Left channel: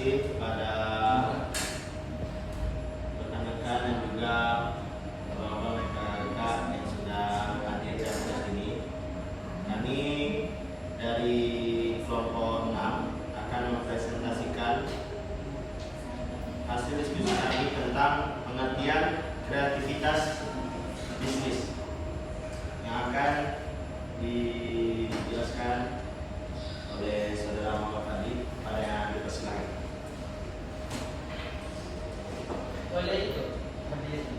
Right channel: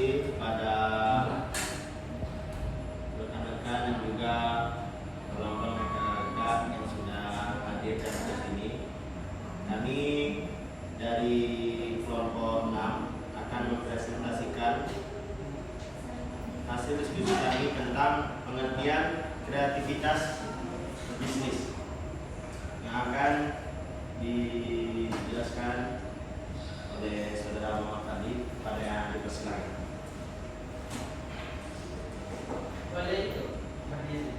kasih kepada rekan-rekan dan juga bapak-bapak rekan-rekan yang sudah hadir dan ke sini. Kami dari kelompok 6 akan mempresentasikan hasil diskusi kami tentang pengertian kreativitas bisnis yang akan dijelaskan oleh saudara Muhammad tadi. Pada yang dipersilakan. Boleh itu berdiri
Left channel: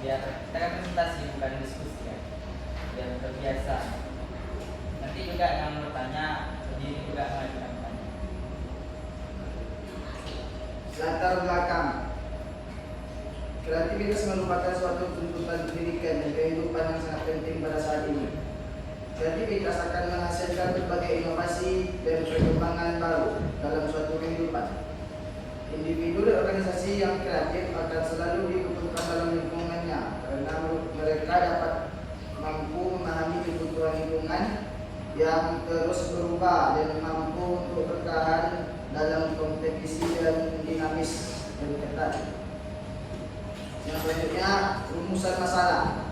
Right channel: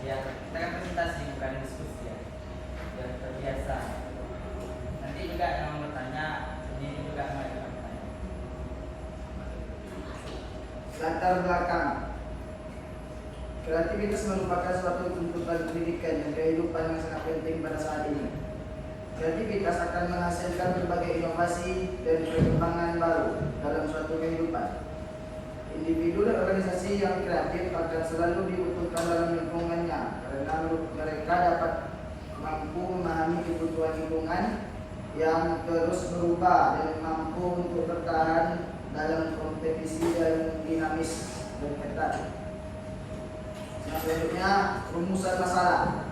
biar kita kan presentasi bukan diskusi ya, biar terbiasa. Nanti juga yang bertanya berdiri juga mengajukan pertanyaan. Latar belakang. Kreativitas merupakan suatu tuntutan pendidikan dan kehidupan yang sangat penting pada saat ini. Kreativitas akan menghasilkan berbagai inovasi dan perkembangan baru dalam suatu kehidupan. Individu dan organisasi yang kreatif akan selalu dibutuhkan dalam lingkungannya karena mereka dapat mampu memahami kebutuhan lingkungan yang terus berubah dan mampu untuk bertahan dalam kompetisi yang dinamis dan ketat. Yang selanjutnya, rumusan masalah.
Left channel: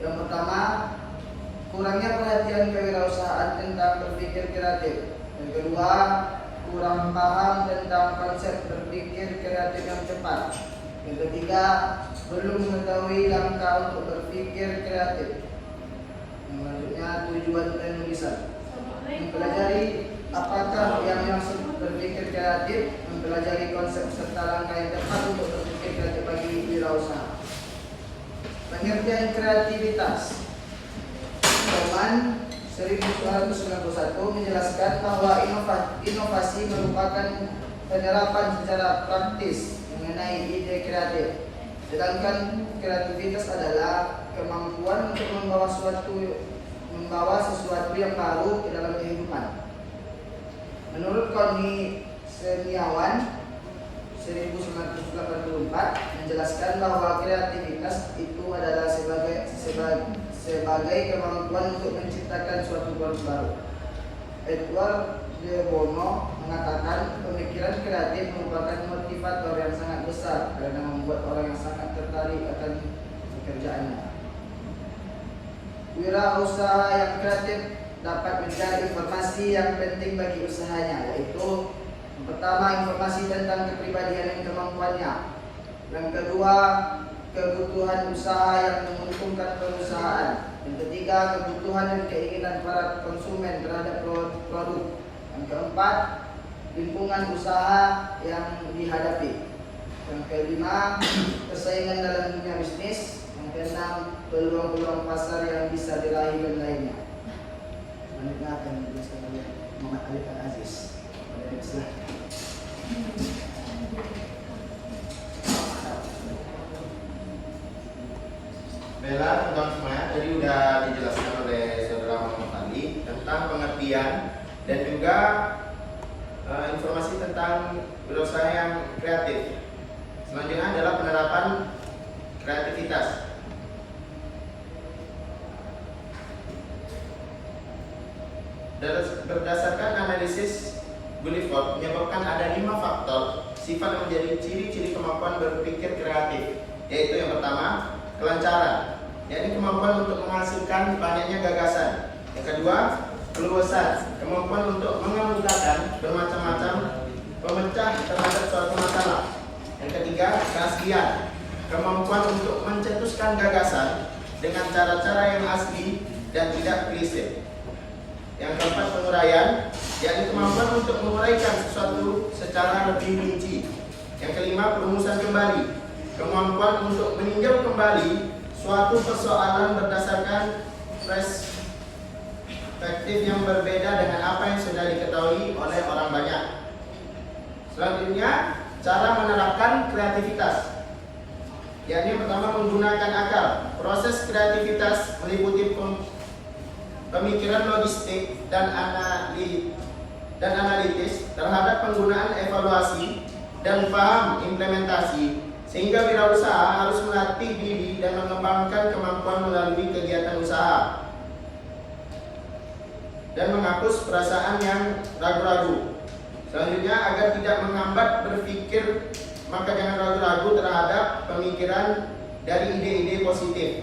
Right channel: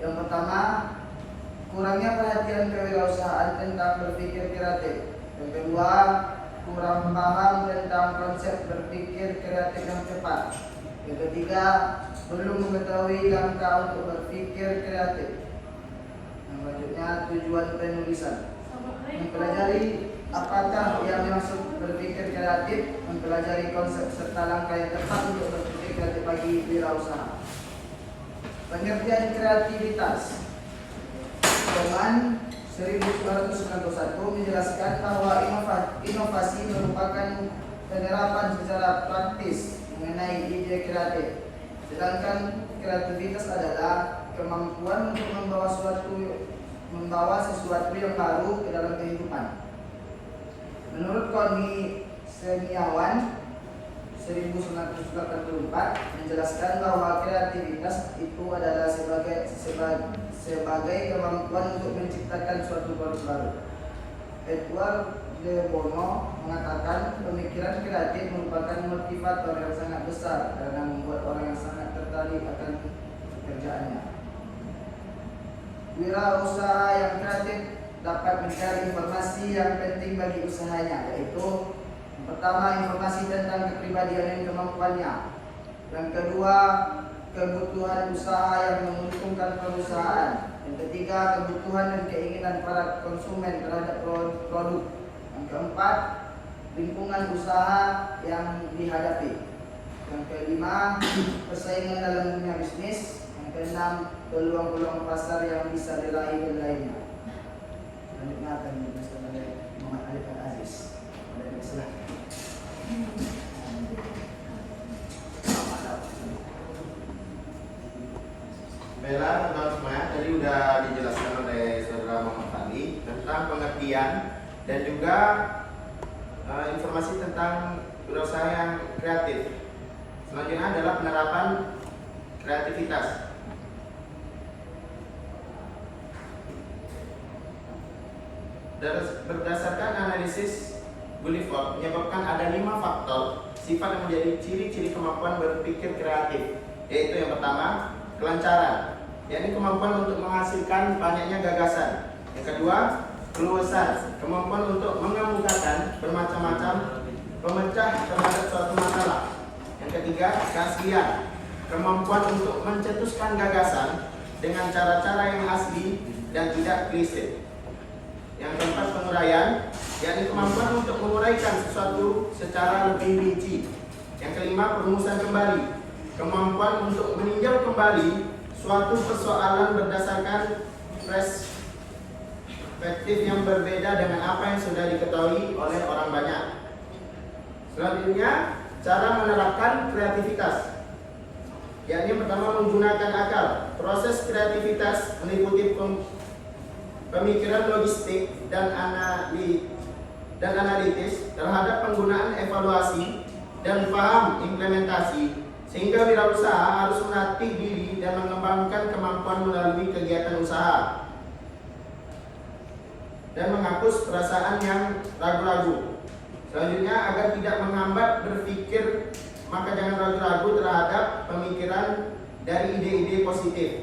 Yang pertama, kurangnya perhatian kewirausahaan tentang berpikir kreatif. Yang kedua, kurang paham tentang konsep berpikir kreatif yang cepat. Yang ketiga, belum mengetahui langkah untuk berpikir kreatif. Yang selanjutnya, tujuan penulisan. Mempelajari apakah yang maksud berpikir kreatif, mempelajari konsep serta langkah yang tepat untuk berpikir kreatif bagi wirausaha. Pengertian kreativitas. Roman 1991 menjelaskan bahwa inovasi merupakan penerapan secara praktis mengenai ide kreatif. Sedangkan kreativitas adalah kemampuan untuk membawa sesuatu yang baru ke dalam kehidupan. Menurut Connie Semiawan 1984 menjelaskan bahwa kreativitas itu adalah sebagai kemampuan untuk menciptakan suatu produk baru. Edward de Bono mengatakan pemikiran kreatif merupakan motivator yang sangat besar karena membuat orang yang sangat tertarik akan pekerjaannya. Wirausaha yang kreatif dapat mencari informasi yang penting bagi usahanya, yaitu yang pertama, informasi tentang kepribadian dan kemampuannya. Yang kedua, kebutuhan usaha yang menguntungkan perusahaan. Yang ketiga, kebutuhan dan keinginan para konsumen terhadap produk. Yang keempat, lingkungan usaha yang dihadapi. Yang kelima, persaingan dalam dunia bisnis. Yang keenam, peluang-peluang pasar yang bisa diraih dan lainnya. Selanjutnya akan dijelaskan oleh Muhammad Alif Al-Aziz. Pada dipersilakan. Bella, teman-teman semuanya, tadi sudah dijelaskan oleh saudara Muhammad tadi tentang pengertian dan juga informasi tentang wirausaha yang kreatif. Selanjutnya adalah penerapan kreativitas. Berdasarkan analisis Guilford menyebabkan ada 5 faktor sifat yang menjadi ciri-ciri kemampuan berpikir kreatif, yaitu yang pertama, kelancaran, yakni kemampuan untuk menghasilkan banyaknya gagasan. Yang kedua, keluasan, kemampuan untuk mengemukakan bermacam-macam pemecah terhadap suatu masalah. Yang ketiga, keaslian, kemampuan untuk mencetuskan gagasan dengan cara-cara yang asli dan tidak klise. Yang keempat, penguraian, yakni kemampuan untuk menguraikan sesuatu secara lebih rinci. Yang kelima, perumusan kembali, kemampuan untuk meninjau kembali suatu persoalan berdasarkan perspektif yang berbeda dengan apa yang sudah diketahui oleh orang banyak. Selanjutnya, cara menerapkan kreativitas, yakni pertama, menggunakan akal. Proses kreativitas meliputi pemikiran logistik dan analitis terhadap penggunaan evaluasi dan paham implementasi, sehingga wirausaha harus melatih diri dan mengembangkan kemampuan melalui kegiatan usaha dan menghapus perasaan yang ragu-ragu. Selanjutnya, agar tidak menghambat berpikir, maka jangan ragu-ragu terhadap pemikiran dari ide-ide positif.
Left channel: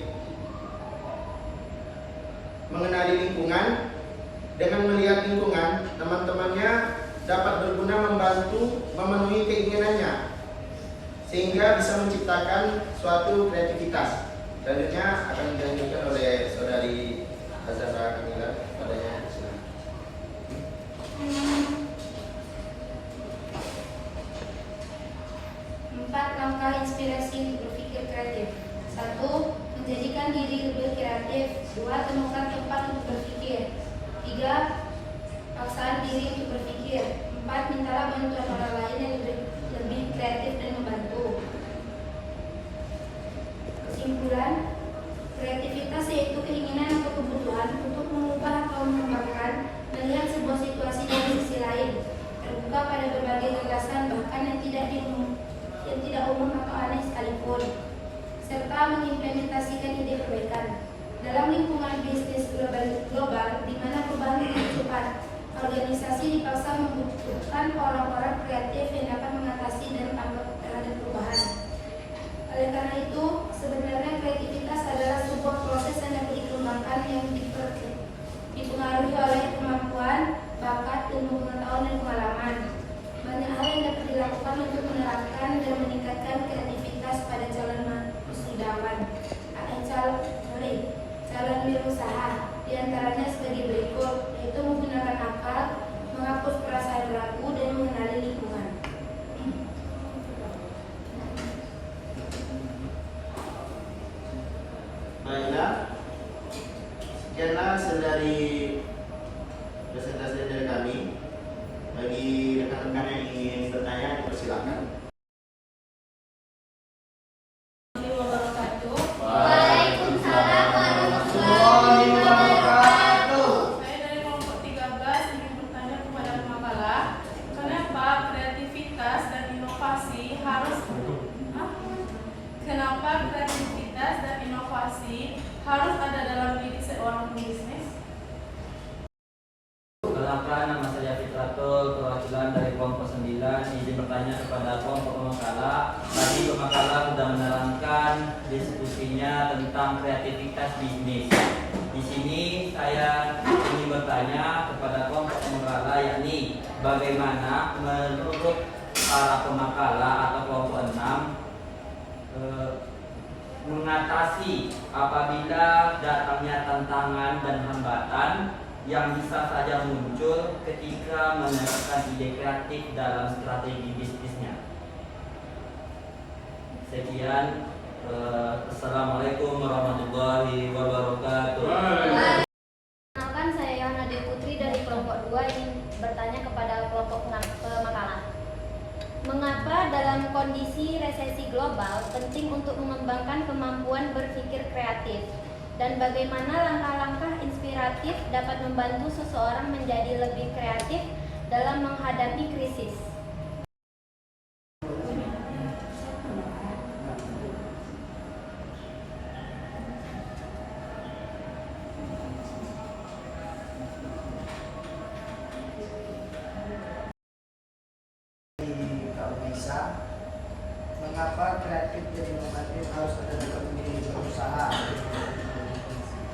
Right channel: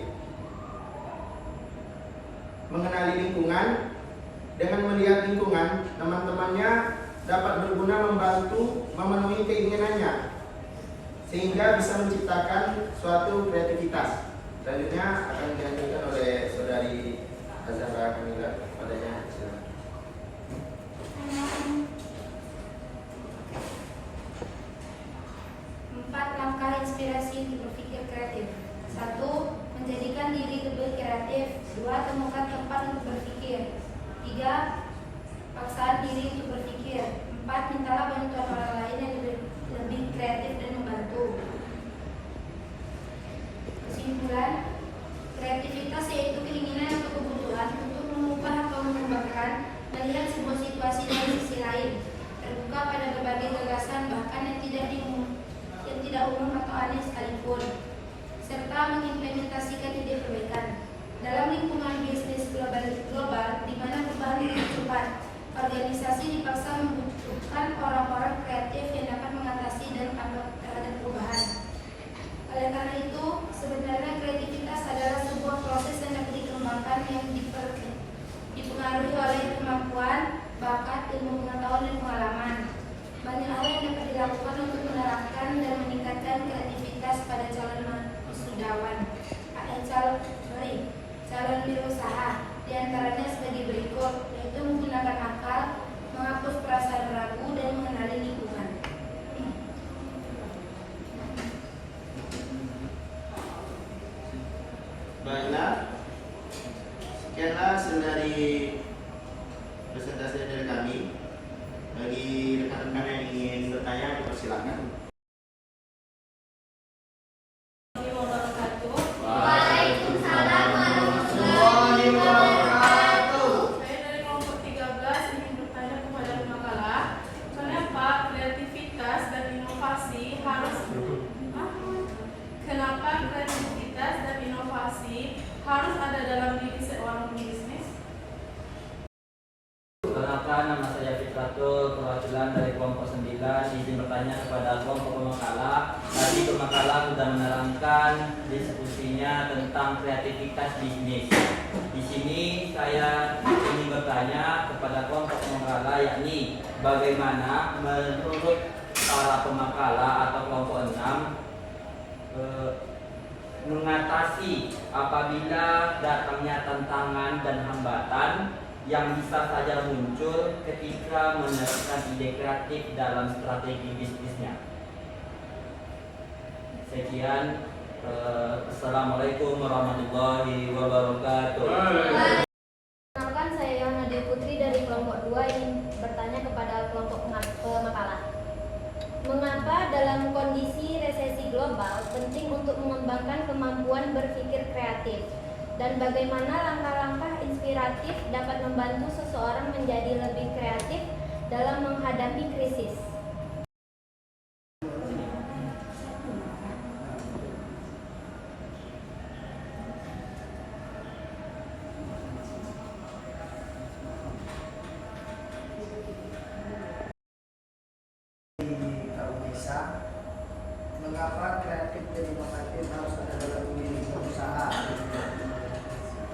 Mengenali lingkungan, dengan melihat lingkungan, teman-temannya dapat berguna membantu memenuhi keinginannya, sehingga bisa menciptakan suatu kreativitas. Selanjutnya akan dilanjutkan oleh saudari Azhara Kamila padanya. Empat langkah inspirasi untuk berpikir kreatif. 1. Menjadikan diri lebih kreatif. 2. Temukan tempat untuk berpikir. 3. Paksaan diri untuk berpikir. 4. Mintalah bantuan orang lain yang lebih kreatif dan membantu. Kesimpulan, kreativitas yaitu keinginan atau kebutuhan untuk mengubah atau mengembangkan, melihat sebuah situasi dari sisi lain, terbuka pada berbagai gagasan bahkan yang tidak umum atau aneh sekalipun, serta mengimplementasikan ide perbaikan. Dalam lingkungan bisnis global di mana perubahan dibutuhkan, organisasi dipaksa membutuhkan orang-orang kreatif yang dapat mengatasi dan tanggap terhadap perubahan. Oleh karena itu, sebenarnya kreativitas adalah sebuah proses yang dapat dikembangkan yang dipengaruhi oleh kemampuan, bakat, ilmu pengetahuan, dan pengalaman. Banyak hal yang dapat dilakukan untuk menerapkan dan meningkatkan kreativitas pada calon wisudawan, calon wirausaha. Di antaranya sebagai berikut, yaitu menggunakan akal, menghapus perasaan ragu, dan mengenali lingkungan. Baiklah, sekianlah dari presentasi dari kami. Bagi rekan-rekan yang ingin bertanya, dipersilakan. Waalaikumsalam warahmatullahi wabarakatuh. Saya dari kelompok 13 ingin bertanya kepada pemakalah, kenapa kreativitas dan inovasi harus ada dalam diri seorang pebisnis? Perkenalkan, nama saya Fitratul, perwakilan dari kelompok 9. Izin bertanya kepada kelompok pemakalah. Tadi pemakalah sudah menerangkan diskusinya tentang kreativitas bisnis. Di sini saya ingin bertanya kepada kelompok pemakalah, yakni bagaimana menurut para pemakalah atau kelompok 6 mengatasi apabila datangnya tantangan dan hambatan yang bisa saja muncul ketika menerapkan ide kreatif dalam strategi bisnisnya. Sekian, Assalamualaikum warahmatullahi wabarakatuh. Perkenalkan, saya Yana Dewi Putri dari kelompok 2 yang bertanya kepada kelompok pemakalah. Mengapa dalam kondisi resesi global penting untuk mengembangkan kemampuan berpikir kreatif? Dan bagaimana langkah-langkah inspiratif dapat membantu seseorang menjadi lebih kreatif dalam menghadapi krisis? Mengapa kreatif dan inovatif harus ada dalam diri berusaha?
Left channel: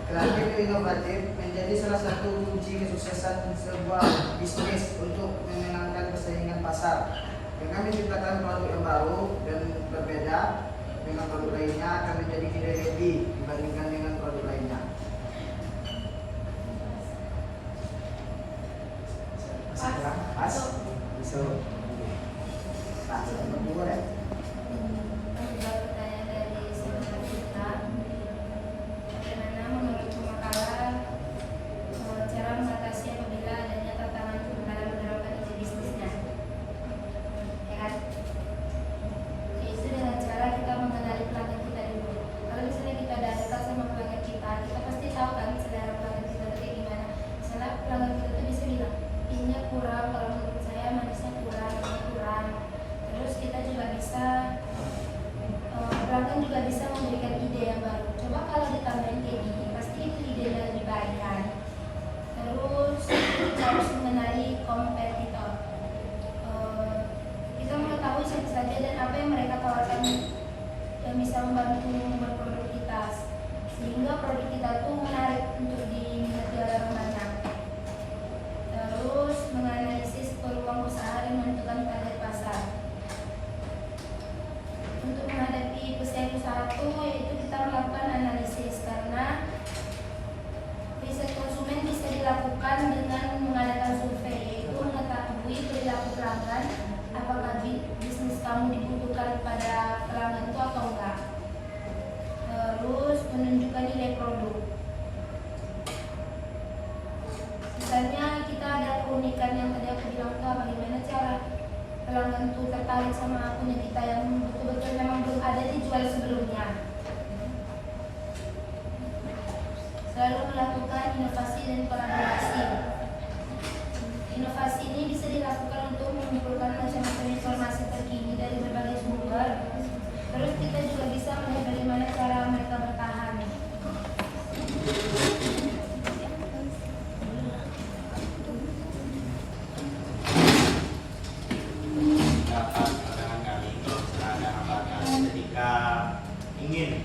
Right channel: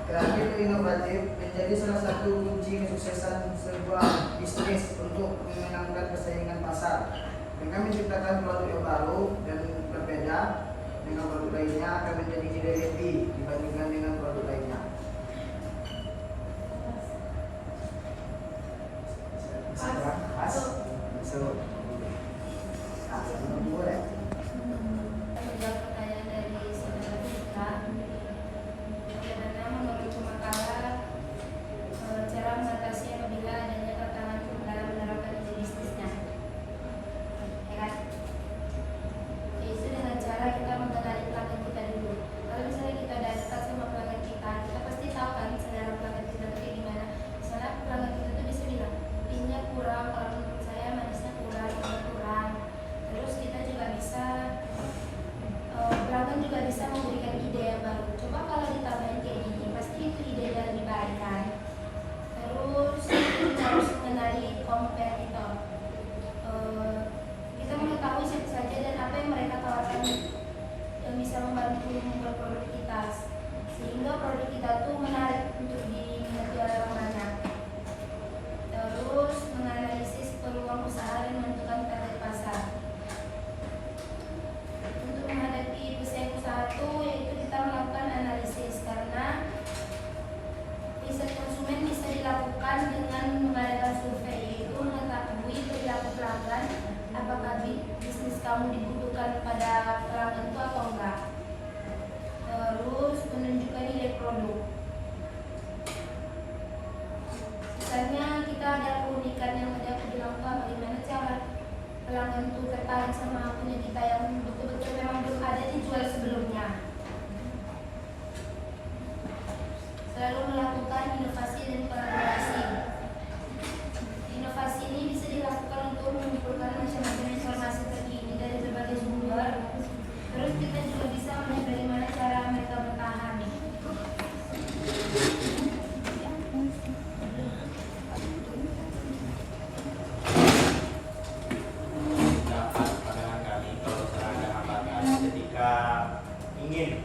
Kreatif dan inovatif menjadi salah satu kunci kesuksesan sebuah bisnis untuk memenangkan persaingan pasar. Dengan menciptakan produk yang baru dan berbeda dengan produk lainnya akan menjadi tidak lebih dibandingkan dengan produk lainnya. Pas. So, boleh. Menjawab pertanyaan dari saudara kita, bagaimana menurut pemakalah cara mengatasi apabila adanya tantangan dalam menerapkan ide bisnisnya? Ya kan? Yaitu dengan cara kita mengenali pelanggan kita dulu. Kalau misalnya kita udah dekat sama pelanggan kita pasti tahu kan selera pelanggan kita itu gimana. Misalnya pelanggan kita tuh bisa bilang, ini kurang, kalau menurut saya manisnya kurang. peluang usaha dan menentukan target pasar. Untuk menghadapi pesaing usaha itu, yaitu kita melakukan analisis, karena riset konsumen bisa dilakukan dengan mengadakan survei, yaitu mengetahui perilaku pelanggan, apakah bisnis kamu dibutuhkan pada pelanggan itu atau enggak. Terus menunjukkan nilai produk. Sisanya kita ada keunikan yang tadi aku bilang tuh, bagaimana cara pelanggan itu tertarik sama punya kita yang betul-betul memang belum ada dijual sebelumnya. Selalu melakukan inovasi dan kolaborasi. Inovasi ini bisa dilakukan untuk mengumpulkan macam-macam informasi terkini dari berbagai sumber. Terus kita juga bisa melihat bagaimana cara mereka bertahan. Dapat pandangan kami kalau misalnya ada hambatan ketika ingin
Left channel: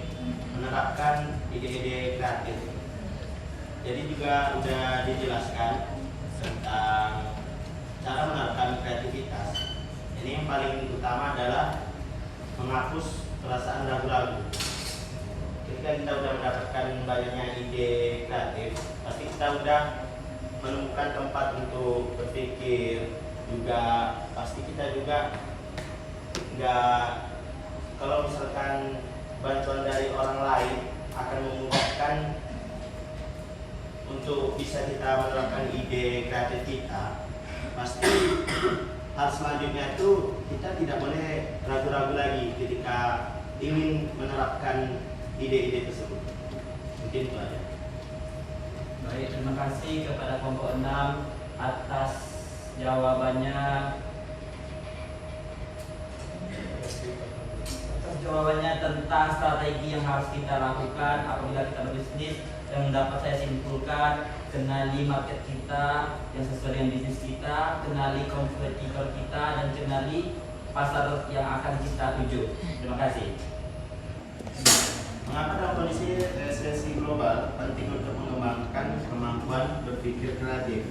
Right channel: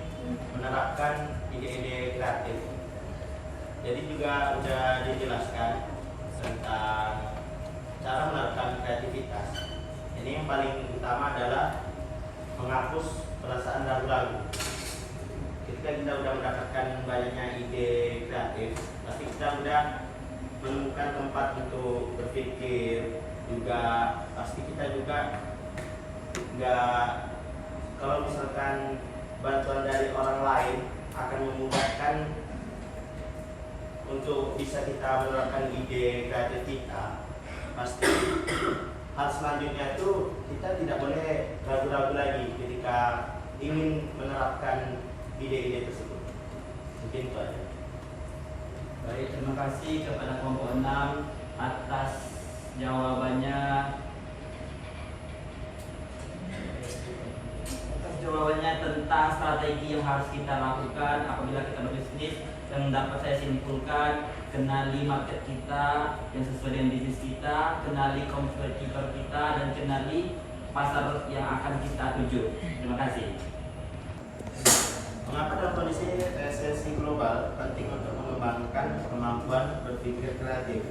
menerapkan ide-ide kreatif. Jadi juga sudah dijelaskan tentang cara menerapkan kreativitas. Ini yang paling utama adalah menghapus perasaan ragu-ragu. Ketika kita sudah mendapatkan banyaknya ide kreatif, pasti kita sudah menemukan tempat untuk berpikir. Juga pasti kita juga nggak, kalau misalkan bantuan dari orang lain akan memudahkan untuk bisa kita menerapkan ide kreatif kita. Pasti hal selanjutnya itu kita tidak boleh ragu-ragu lagi ketika ingin menerapkan ide-ide tersebut. Mungkin itu aja. Baik, terima kasih kepada kelompok 6 atas jawabannya. Tentang strategi yang harus kita lakukan apabila kita berbisnis. Yang dapat saya simpulkan, kenali market kita yang sesuai dengan bisnis kita, kenali kompetitor kita, dan kenali pasar yang akan kita tuju. Terima kasih. Mengapa dalam kondisi resesi global penting untuk mengembangkan kemampuan berpikir kreatif?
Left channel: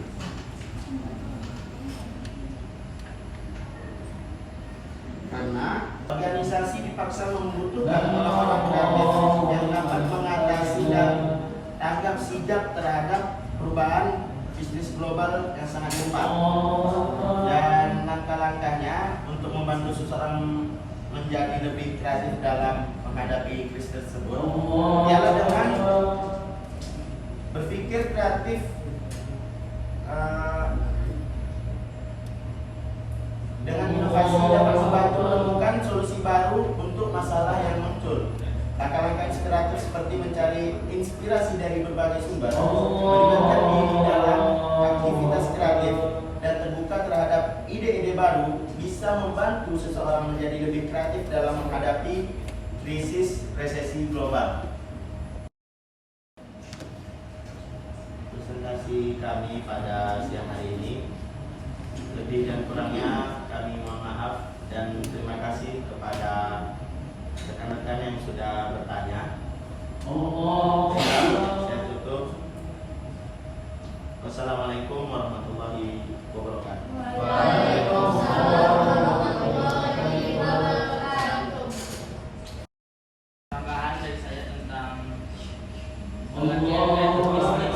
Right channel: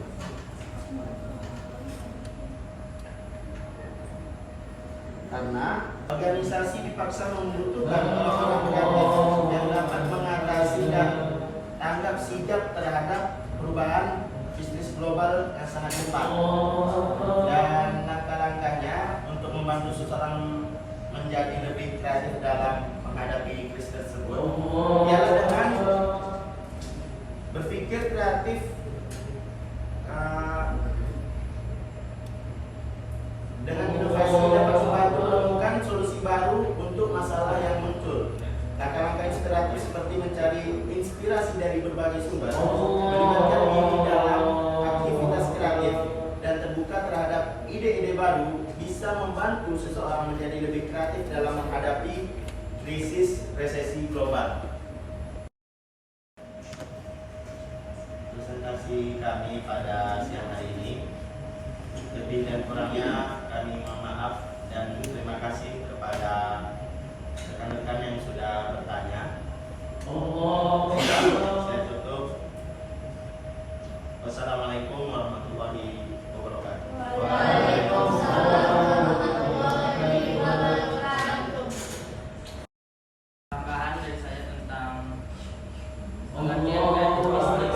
Karena organisasi dipaksa membutuhkan orang-orang kreatif yang dapat mengatasi dan tanggap sigap terhadap perubahan bisnis global yang sangat cepat. Dan langkah-langkahnya untuk membantu seseorang menjadi lebih kreatif dalam menghadapi krisis tersebut ialah dengan berpikir kreatif, dengan inovasi dapat membantu menemukan solusi baru untuk masalah yang muncul. Langkah-langkah inspiratif seperti mencari inspirasi dari berbagai sumber, melibatkan diri dalam aktivitas kreatif, dan terbuka terhadap ide-ide baru bisa membantu seseorang menjadi lebih kreatif dalam menghadapi krisis resesi global. Presentasi kami pada siang hari ini, lebih dan kurangnya kami mohon maaf dan terima kasih kepada rekan-rekan yang sudah bertanya. Saya tutup. Wassalamualaikum warahmatullahi wabarakatuh. Waalaikumsalam warahmatullahi wabarakatuh. Tambahan dari saya tentang pengertian kreatif bisnis.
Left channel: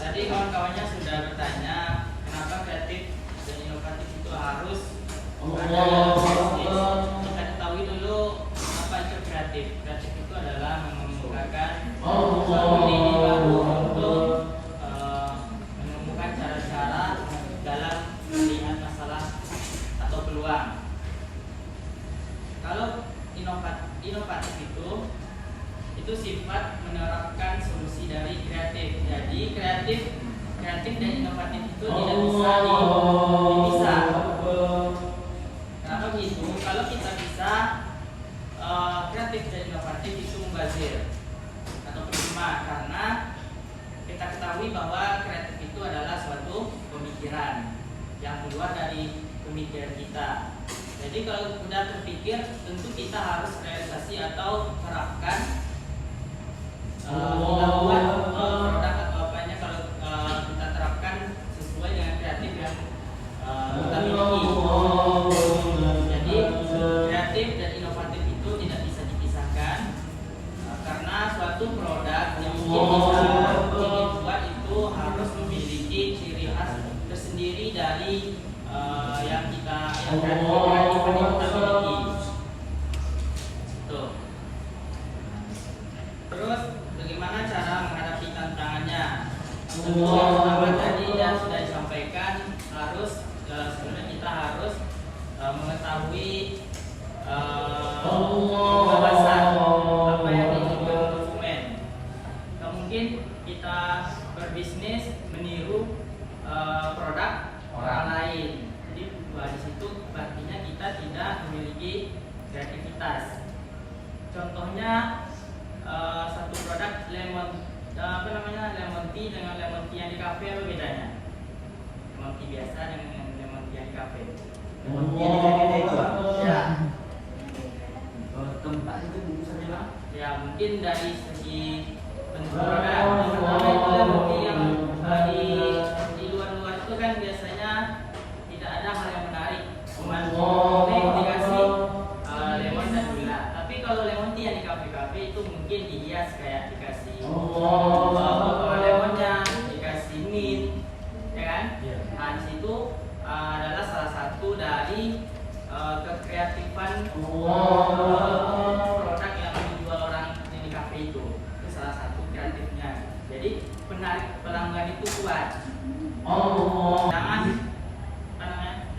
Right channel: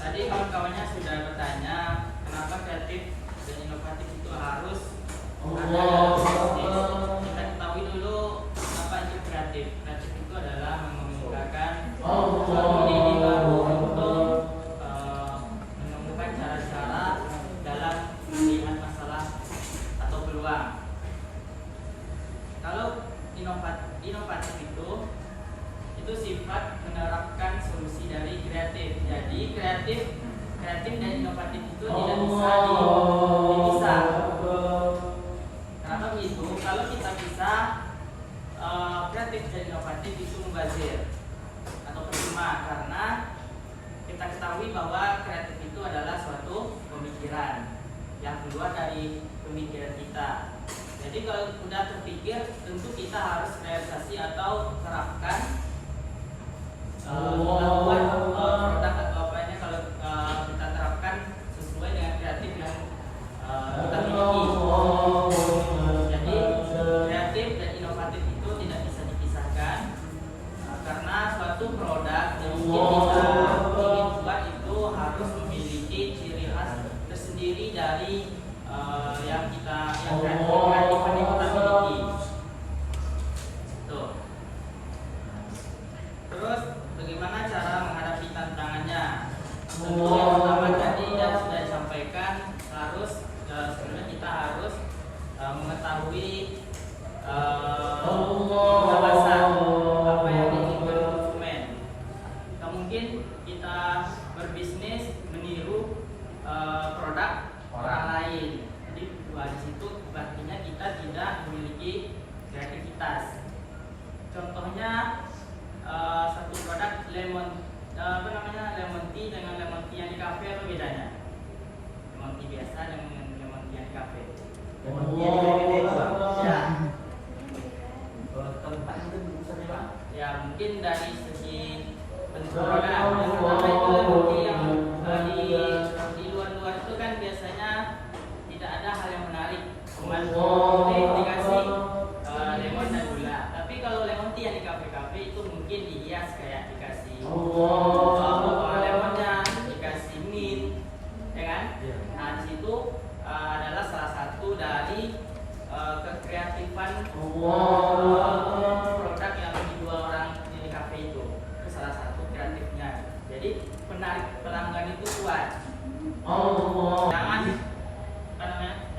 Tadi kawan-kawannya sudah bertanya kenapa kreatif dan inovatif itu harus ada dalam bisnis. Kita ketahui dulu apa itu kreatif. Kreatif itu adalah mengemukakan suatu ide baru untuk menemukan cara-cara dalam melihat masalah atau peluang. Kalau inovatif itu sifat menerapkan solusi dari kreatif. Jadi kreatif dan inovatif itu tidak bisa dipisah. Kenapa begitu? Kalau kita bisa kreatif dan inovatif itu mubazir atau percuma, karena kita ketahui bahwa kreatif itu adalah suatu pemikiran yang keluar dari pemikiran kita. Jadi kalau sudah terpikir, tentu kita harus realisasi atau terapkan melakukan produk atau apa ini kalau kita terapkan sesuai harus memiliki ciri khas tersendiri dari yang kreatifan yang kita miliki. Tuh. Terus bagaimana cara menghadapi tantangannya? Tentu yang pertama tadi yang sudah disampaikan, harus sebenarnya kita harus mengetahui kebebasan apa yang diinginkan konsumen. Nggak mungkin kita berbisnis meniru produk orang lain. Jadi di situ artinya kita tidak memiliki kreativitas. Contohnya satu produk lemon tea dengan lemon tea yang di kafe, apa bedanya? Lemon tea biasa dengan lemon tea yang di kafe. Lemon tea yang di kafe itu Ya. Tempat itu bisa bilang? Ya mungkin dari segi bentuk produk. Yang pertama itu lemon tea yang di luar-luar itu kan biasanya tidak ada hal yang menarik, cuman dikasih lemon dan gula. Tapi kalau lemon tea yang di kafe-kafe itu mungkin dihias kayak dikasih potongan lemonnya, dikasih mint, ya kan? Nah di situ adalah salah satu dari kekreatifan produk yang dijual orang di kafe itu. Itu salah satu kreatifnya. Jadi penarik pelanggan itu kuat.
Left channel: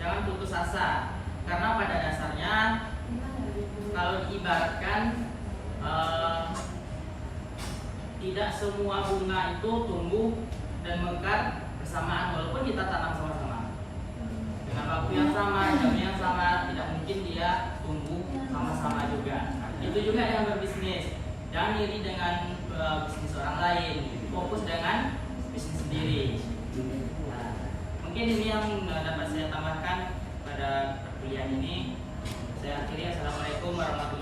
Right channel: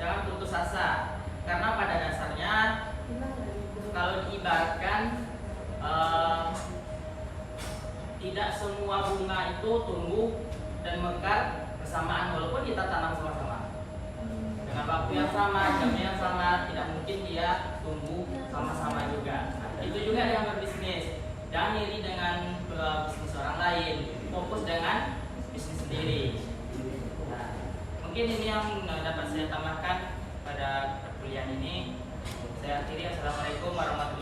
Jangan putus asa, karena pada dasarnya kalau diibaratkan tidak semua bunga itu tumbuh dan mekar bersamaan, walaupun kita tanam sama-sama dengan waktu yang sama, jamnya yang sama, tidak mungkin dia tumbuh sama-sama juga. Nah, itu juga dengan berbisnis, jangan iri dengan bisnis orang lain, fokus dengan bisnis sendiri. Nah, mungkin ini yang dapat saya tambahkan pada perkuliahan ini. Saya akhiri, assalamualaikum warahmatullahi wabarakatuh.